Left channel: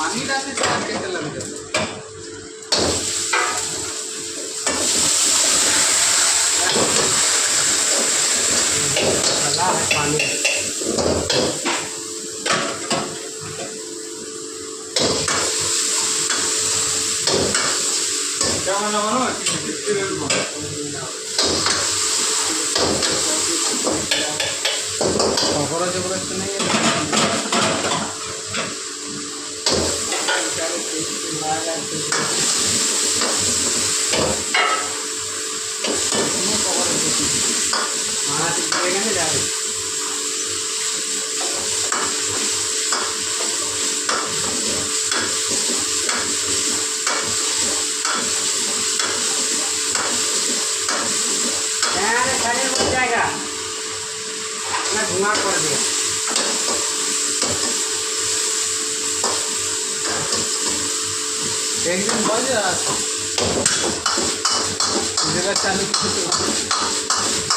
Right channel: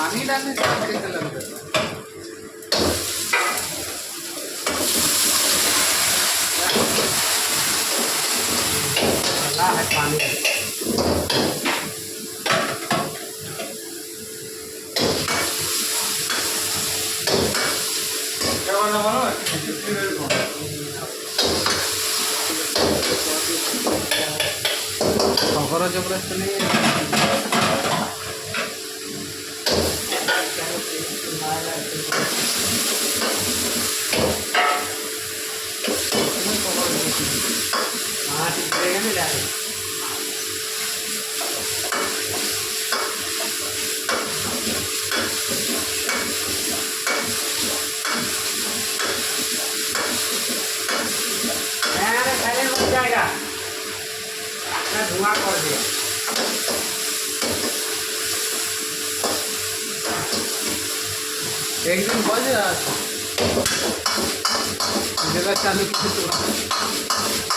पानी डालने से आज कैसे लग जाता है पानी क्या वाला बनो खबर जबरदस्त नहीं हाँ ठीक रहेगा ना जाए खाने मिल जाएगा ना धुआं कर दिया एक दिन बज जगह चालू